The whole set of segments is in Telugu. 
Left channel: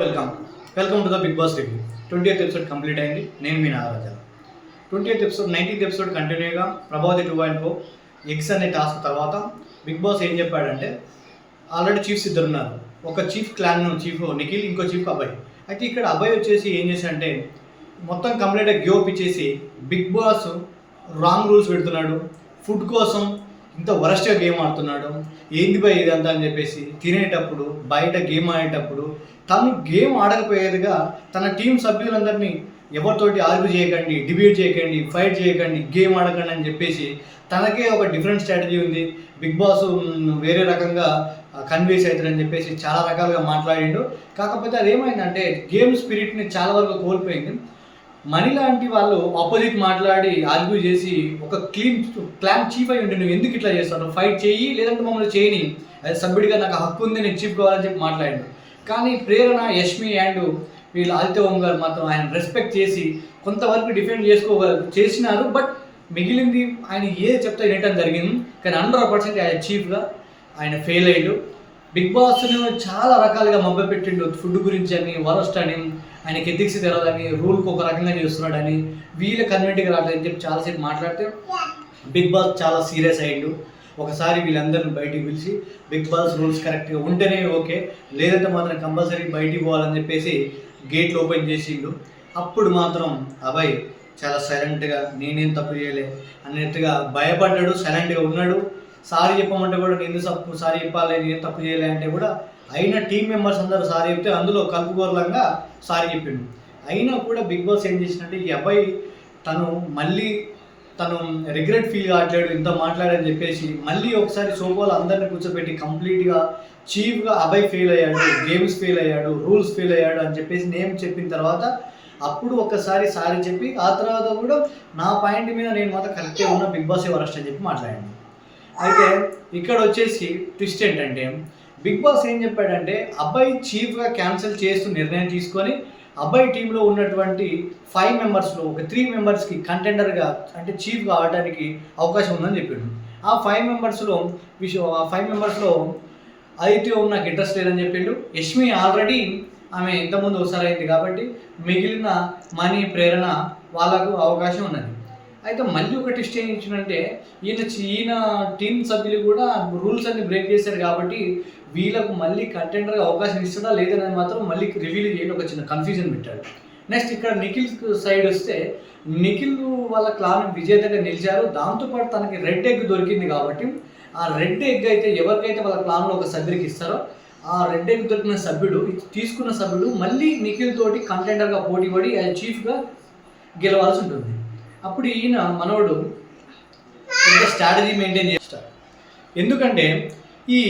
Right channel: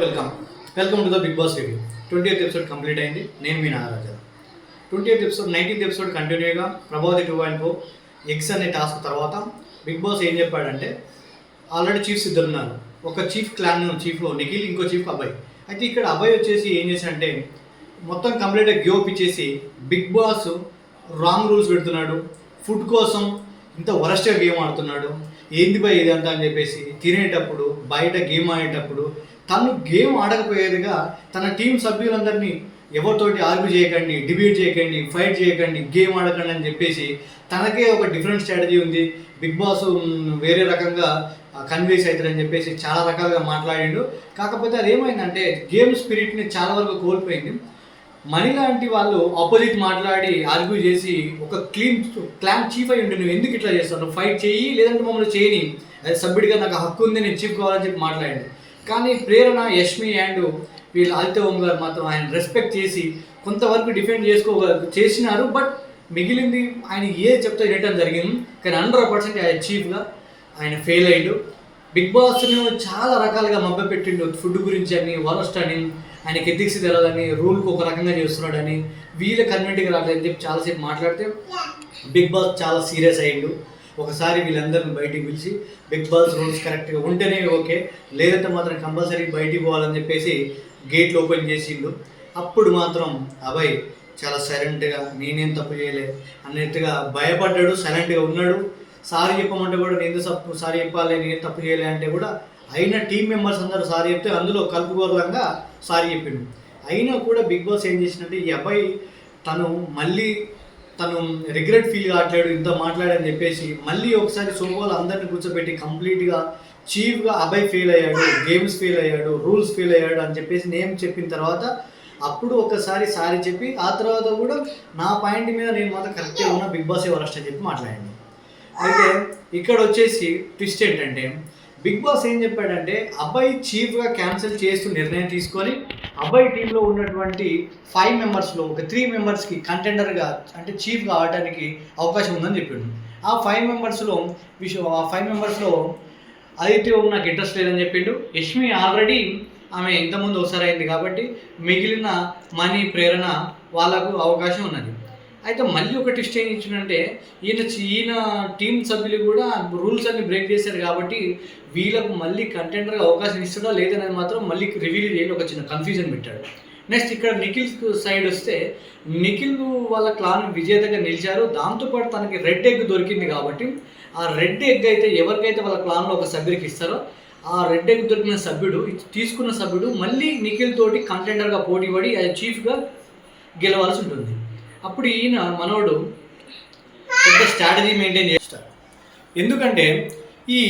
Welcome welcome to the Bigg Boss review. 20th episode complete అయింది. నేను మీ Nagaraja. 20th episode 19th episode కంటిన్యూగా ప్రభావతి 2.0 ఎక్స్ అనే టాస్క్ తర్వాత బిగ్ బాస్ ఏం చెప్పాడంటే, ఆల్రెడీ చీఫ్స్ ఇద్దరు ఉన్నారు. ఒక చీఫ్ క్లాన్ చీఫ్ నిఖిల్, ఇంకో చీఫ్ అభయ్. అయితే ఇక్కడ అభయ్ వచ్చేసి ఏం చేశాడంటే మొత్తం కంప్లీట్గా గివ్ ఇచ్చేసి బిగ్ బాస్ రాంగ్ రూల్స్ పెడుతున్నాడు, ఫుడ్ కోసం ఇంత వరస్ట్గా గేమ్ ఆడుతున్నాడు, ఏంది బై ఇదంతా అని చెప్పేసి తినేటప్పుడు బయట గేమ్ ఆడేటప్పుడు తను గేమ్ ఆడకపోయేదిగా తన టీం సభ్యులందరినీ ఎవరితోటి ఆర్గ్యూ చేయకండి, డిబేట్ చేయకండి, ఫైట్ చేయకండి, గేమ్ ఆడకండి అని చెప్పేసి తనకే ఒక డిఫరెంట్ స్ట్రాటజీ ఉంది. బిగ్ బాస్ వేరే రకంగా కన్విన్స్ అవుతారని చెప్పేసి చాలా రకాలుగా మాట్లాడిండు. కాకపోతే అది ఏమైందంటే గేమ్ స్పిరిట్ని చాలా వరకు కోల్పోయింది. మనీ లాంటి వాళ్ళు ఆపోజిట్ మాట్లాడి ఆర్గ్యూ చేసి ఒక క్లాన్ చీఫ్ అయి ఉంటే నువ్వు ఎందుకు ఇట్లా చేస్తావు, ఫైట్ చేయి లేదంటే మమ్మల్ని చేయని, అది సభ్యుడిగా నాకు హక్కు ఉంది, నేను చీఫ్ కావాలని చెప్పి మాట్లాడాడు. కానీ ప్రేరణ, యష్మి అండ్ వీళ్ళు ఆదిత్య ఓం గారు మాత్రం ఆయన రెస్పెక్ట్ చేసి కొంతవరకు డిఫెండ్ చేసినారు. బట్ మిగిలింది ఆయన ఏది చెప్తే వినటం జరిగింది. కానీ 100% ఆయన చీఫ్గా ఆయన ఫెయిల్ అయ్యాడు. బిగ్ బాస్ను చాలా రకాలుగా మభ్యపెట్టిండు. ఫుడ్ గురించి అని, వరస్ట్ అని, ఆయనకి ఎథిక్స్ తెలదని, రూల్కి ఒక రకంగా చేస్తున్నాడని, వీళ్ళ కన్వెంట్కి రాలేదని చెప్పి చాలాసేపు మాట్లాడితే బిగ్ బాస్ చాలా సీరియస్ అయ్యిండు. ఒకసారి వీళ్ళందరిని బయటికి పిలిచి బిగ్ బాస్ రూల్స్ కరెక్ట్గా ఉంటేనే ఓకే, లేదంటే మాత్రం కంపల్సరీ బయటికి పోవాలని చెప్పేసి గేట్లు ఓపెన్ చేసిండు. అప్పుడు మాత్రం అభయ్ చాలా సైలెంట్గా నేనేం తప్పు చేయలే అన్నట్టుగా భయపడ్డాడు, సైలెంట్గా ఉన్నాడు. సారీ చెప్పమంటే కూడా నేను సారీ చెప్పాలి, నేను తప్పు చేయలే అంటే కూడా అయినా టీం మెంబర్స్ అందరూ సారీ చెప్తే అందులో కలుపుకోరలంగా సారీ చెప్పిండు. అయినా కూడా బిగ్ బాస్ ఏం చేసినట్టే ఈ అబ్బాయి తను రిగ్రెట్ ఫీల్ కావట్లేడు, ఇంత మాట్లాడని చెప్పేసి మళ్ళీ ఒకసారి సోఫాలో అందరిని కూర్చోబెట్టి కంప్లీట్గా చీఫ్గా అబ్బాయి ఫెయిల్ అయ్యాడు, గేమ్స్ ఫెయిల్ అయ్యాడు, రూల్స్ ఫెయిల్ అయ్యాడు అని చెప్పేసి నేమ్ చెప్పిన తర్వాత అప్పుడు ఒకసారి సారీ చెప్పి ఆ తర్వాత కూడా నా పాయింట్ మీద నేను మాత్రం కరెక్ట్గా ఉన్న, బిగ్ బాస్ వరస్ట్ అని చెప్పి మాట్లాడాను. అయితే ఇక్కడ వచ్చేసి ట్విస్ట్ ఏంటంటే బిగ్ బాస్ ఏం చెప్పాడంటే అబ్బాయి చీఫ్గా క్యాన్సిల్ చేస్తూ నిర్ణయం తీసుకొని అబ్బాయి టీంలో ఉన్నటువంటి 5 మెంబర్స్లో ఒక 3 మెంబర్స్కి కంటెండర్గా అంటే చీఫ్గా ఆడటానికి అవకాశం ఉందని చెప్పాడు. ఆ 5 మెంబర్స్లో ఆదిత్య ఓం నాకు ఇంట్రెస్ట్ లేదని చెప్పిండు. యష్మి ఆల్రెడీ ఆమె ఇంతకుముందు ఒకసారి అయింది కాబట్టి మిగిలిన మనీ, ప్రేరణ వాళ్ళకు అవకాశం ఉన్నది. అయితే మళ్ళీ ఒక ట్విస్ట్ ఏం ఇచ్చిందంటే ఈయన టీం సభ్యులు కూడా రూల్స్ అన్ని బ్రేక్ చేశారు కాబట్టి వీళ్ళకు మళ్ళీ కంటెండర్గా అవకాశం ఇస్తాడా లేదనేది మాత్రం మళ్ళీ రివీల్ చేయాలి, ఒక చిన్న కన్ఫ్యూజన్ పెట్టాడు. నెక్స్ట్ ఇక్కడ నిఖిల్ సైడ్ వస్తే నిఖిల్ వాళ్ళ క్లాన్ విజేతగా నిలిచారు. దాంతోపాటు తనకి రెడ్ ఎగ్ దొరికింది కాబట్టి ఆ రెడ్ ఎగ్ అయితే ఎవరికైతే వాళ్ళ క్లాన్లో ఒక సభ్యుడికి ఇస్తారో ఆ రెడ్ ఎగ్ దొరికిన సభ్యుడు, తీసుకున్న సభ్యుడు మళ్ళీ నిఖిల్ తోటి కంటెండర్గా పోటీ పడి అది చీఫ్గా గెలవాల్సి ఉంటుంది. అప్పుడు ఈయన మనోడు పెద్ద స్ట్రాటజీ మెయింటైన్ చేస్తారు. ఎందుకంటే ఈ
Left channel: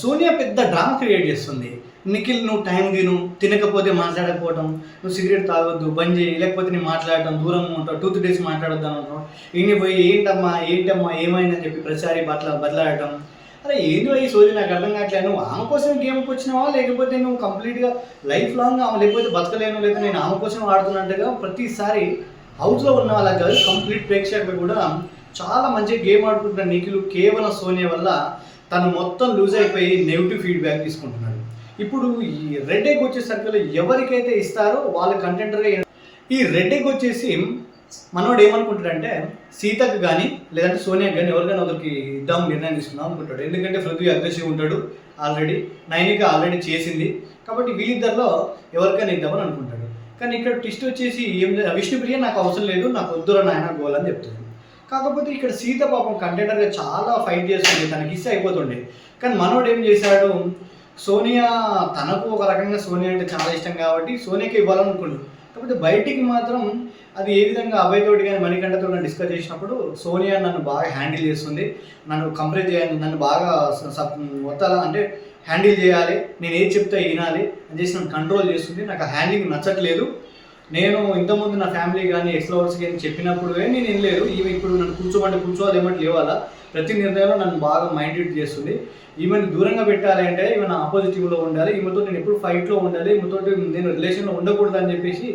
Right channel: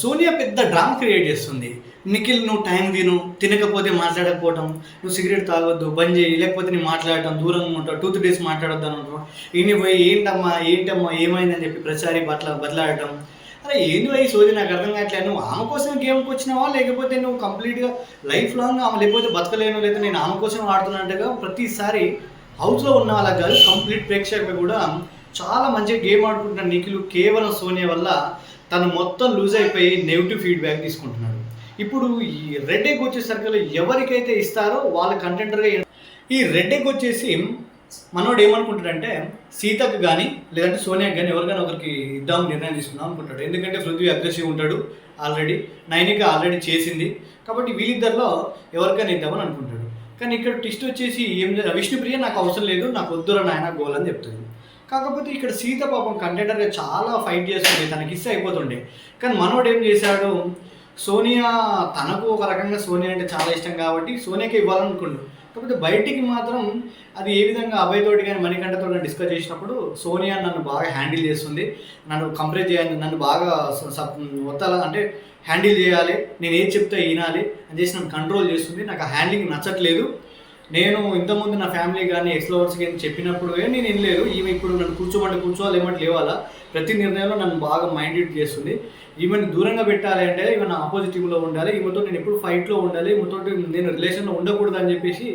సోనియా పెద్ద డ్రామా క్రియేట్ చేస్తుంది. నిఖిల్ నువ్వు టైం తినకపోతే మాట్లాడకపోవటం, నువ్వు సిగరెట్ తాగొద్దు, బంద్ చేయి, లేకపోతే నేను మాట్లాడటం, దూరంగా ఉంటావు, 2-3 days మాట్లాడొద్దు అని ఉంటావు. ఈయన పోయి ఏంటమ్మా ఏమైందని చెప్పి ప్రచారి బదలాడటం. అరే ఏంటి పోయి సోది నాకు అర్థం కావట్లేదు. నువ్వు ఆమె కోసం గేమ్కి వచ్చినావా లేకపోతే నువ్వు కంప్లీట్గా లైఫ్ లాంగ్ ఆమె లేకపోతే బతకలేను, లేదా నేను ఆమె కోసం ఆడుతున్నట్టుగా ప్రతిసారి హౌస్లో ఉన్న వాళ్ళకి కాదు, కంప్లీట్ ప్రేక్షకులు కూడా చాలా మంచిగా గేమ్ ఆడుకుంటున్న నిఖిల్ కేవలం సోనియా వల్ల తను మొత్తం లూజ్ అయిపోయి నెగిటివ్ ఫీడ్బ్యాక్ తీసుకుంటున్నాడు. ఇప్పుడు ఈ రెడ్ ఎగ్ వచ్చేసరికి ఎవరికైతే ఇస్తారో వాళ్ళ కంటెండర్గా ఈ రెడ్ ఎగ్ వచ్చేసి మనోడు ఏమనుకుంటాడంటే సీతకు కానీ లేదంటే సోనియాకి కానీ ఎవరికైనా ఒకరికి ఇద్దాం నిర్ణయం తీసుకుందాం అనుకుంటాడు. ఎందుకంటే పృథ్వీ అగ్రెసివ్ ఉంటాడు, ఆల్రెడీ నైనిక ఆల్రెడీ చేసింది కాబట్టి వీళ్ళిద్దరిలో ఎవరికైనా ఇద్దామని అనుకుంటాడు. కానీ ఇక్కడ ట్విస్ట్ వచ్చేసి విష్ణుప్రియ నాకు అవసరం లేదు, నాకు వద్దురా నాయన గోల్ అని చెప్తుంది. కాకపోతే ఇక్కడ సీత పాపం కంటెండర్గా చాలా ఫైట్ చేస్తుంది, తనకి ఇస్తే అయిపోతుండే. కానీ మనోడు ఏం చేశాడు, సోనియా తనకు ఒక రకంగా సోనియా అంటే చాలా ఇష్టం కాబట్టి సోనియాకి ఇవ్వాలనుకుంటు. కాకపోతే బయటికి మాత్రం అది ఏ విధంగా అభయ్ తోటి కానీ మణికంఠతో కానీ డిస్కస్ చేసినప్పుడు సోనియా నన్ను బాగా హ్యాండిల్ చేస్తుంది, నన్ను కంపేర్ చేయాలి, నన్ను బాగా అంటే హ్యాండిల్ చేయాలి, నేను ఏది చెప్తే వినాలి అని చేసి నన్ను కంట్రోల్ చేస్తుంది, నాకు ఆ హ్యాండ్లింగ్ నచ్చట్లేదు. నేను ఇంతకుముందు నా ఫ్యామిలీ కానీ ఎక్స్‌లవర్స్ కానీ చెప్పినప్పుడు నేను వినలేదు, ఈమె ఇప్పుడు నన్ను కూర్చోవాలి ఏమంటే లేవాలా, ప్రతి నిర్ణయంలో నన్ను బాగా మైండ్ రీడ్ చేస్తుంది. ఈమెను దూరంగా పెట్టాలి అంటే ఈమె నా ఆపోజిటివ్లో ఉండాలి, ఈమెతో నేను ఎప్పుడు ఫైట్లో ఉండాలి, ఈమెతో నేను రిలేషన్లో ఉండకూడదు అని చెప్పేసి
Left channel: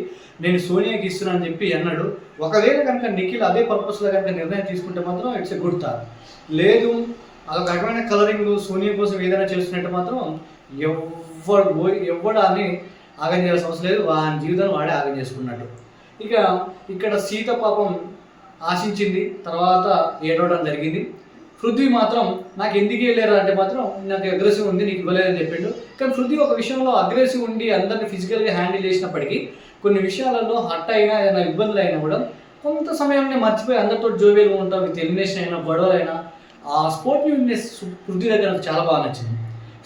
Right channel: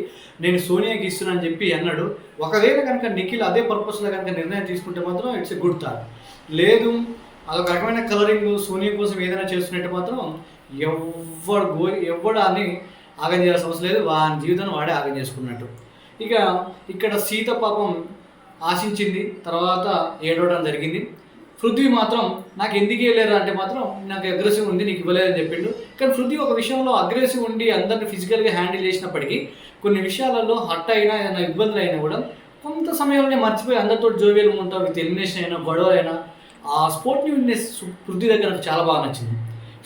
నేను సోనియాకి ఇస్తున్నాను అని చెప్పి అన్నాడు. ఒకవేళ కనుక నిఖిల్ అదే పర్పస్లో కనుక నిర్ణయం తీసుకుంటే మాత్రం ఇట్స్ ఎ గుడ్ థాట్. లేదు అదొక రకమైన కలరింగ్ సోనియా కోసం ఏదైనా చేస్తున్నట్టు మాత్రం ఎవడు అని ఆగం చేయాల్సిన అవసరం లేదు, వాని జీవితాన్ని వాడే ఆగం చేసుకున్నట్టు. ఇక ఇక్కడ సీత పాపం ఆశించింది, తర్వాత ఏడవడం జరిగింది. పృథ్వీ మాత్రం నాకు ఎందుకు ఇవ్వలేరు అంటే మాత్రం నాకు అగ్రెసివ్ ఉంది నీకు ఇవ్వలేదని చెప్పిండు. కానీ పృథ్వీ ఒక విషయంలో అగ్రెసివ్ ఉండి అందరిని ఫిజికల్గా హ్యాండిల్ చేసినప్పటికీ కొన్ని విషయాలలో హట్ అయినా ఏదైనా ఇబ్బందులు అయినా కూడా కొంత సమయంలో మర్చిపోయి అందరితో జోవియల్గా ఉంటాం. విత్ ఎలిమినేషన్ అయినా గొడవలైనా ఆ స్పోర్టివ్నెస్ పృథ్వీ దగ్గర నాకు చాలా బాగా నచ్చింది.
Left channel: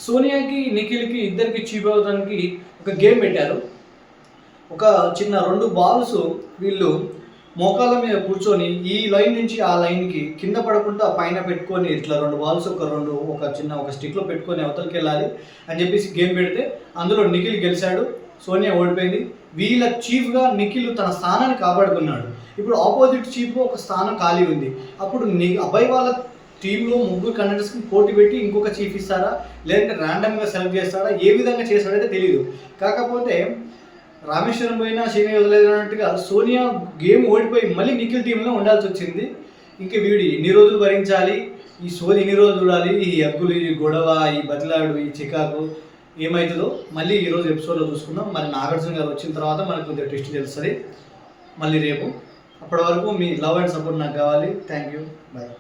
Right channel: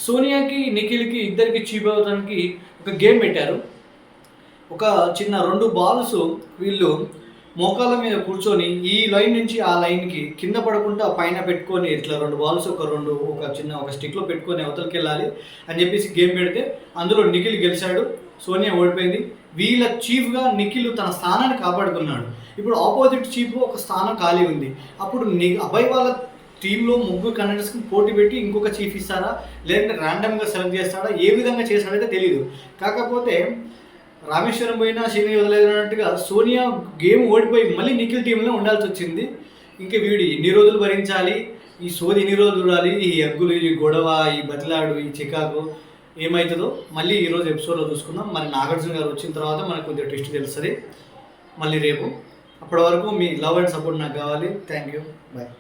సోనియాకి నిఖిల్కి ఇద్దరికి చీప్ అవ్వడానికి ఒక గేమ్ పెట్టారు. ఒక చిన్న 2 బాల్స్ వీళ్ళు మోకాళ్ళ మీద కూర్చొని ఈ లైన్ నుంచి ఆ లైన్కి కింద పడకుండా పైన పెట్టుకొని ఇట్లా 2 బాల్స్ ఒక చిన్న స్టిక్లో పెట్టుకొని అవతలకి వెళ్ళాలి అని చెప్పేసి గేమ్ పెడితే అందులో నిఖిల్ గెలిచాడు, సోనియా ఓడిపోయింది. వీళ్ళ చీఫ్గా నిఖిల్ తన స్థానాన్ని కాపాడుకున్నాడు. ఇప్పుడు ఆపోజిట్ చీఫ్ ఒక స్థానం ఖాళీ ఉంది. అప్పుడు అబ్బాయి వాళ్ళ టీంలో 3 కంటెండర్స్కి పోటీ పెట్టి ఇంకొక చీఫ్ ఇస్తారా, లేదంటే ర్యాండమ్గా సెలెక్ట్ చేస్తారా, ఏ విధంగా చేస్తాడైతే తెలియదు. కాకపోతే రామేశ్వరం పోయినా శని వదిలేదన్నట్టుగా సోనియా గేమ్ ఓడిపోయి మళ్ళీ నిఖిల్ టీంలో ఉండాల్సి వచ్చింది. ఇంకా వీడు ఎన్ని రోజులు భరించాలి, ఈ సోది ఎన్ని రోజులు చూడాలి, ఈ అగ్గులు, ఈ గొడవ, ఈ బతిలాడు, ఈ చికాకు ఏమవుతుందో మళ్ళీ ఈరోజు ఎపిసోడ్లో చూసుకుందాం. మరి నాగార్జున గారు వచ్చిన తర్వాత మనకు కొద్దిగా ట్విస్ట్ తెలుస్తుంది మళ్ళీ రేపు. అప్పటి వరకు మీ లవ్ అండ్ సపోర్ట్ నాకు కావాలి. Thank you, bye.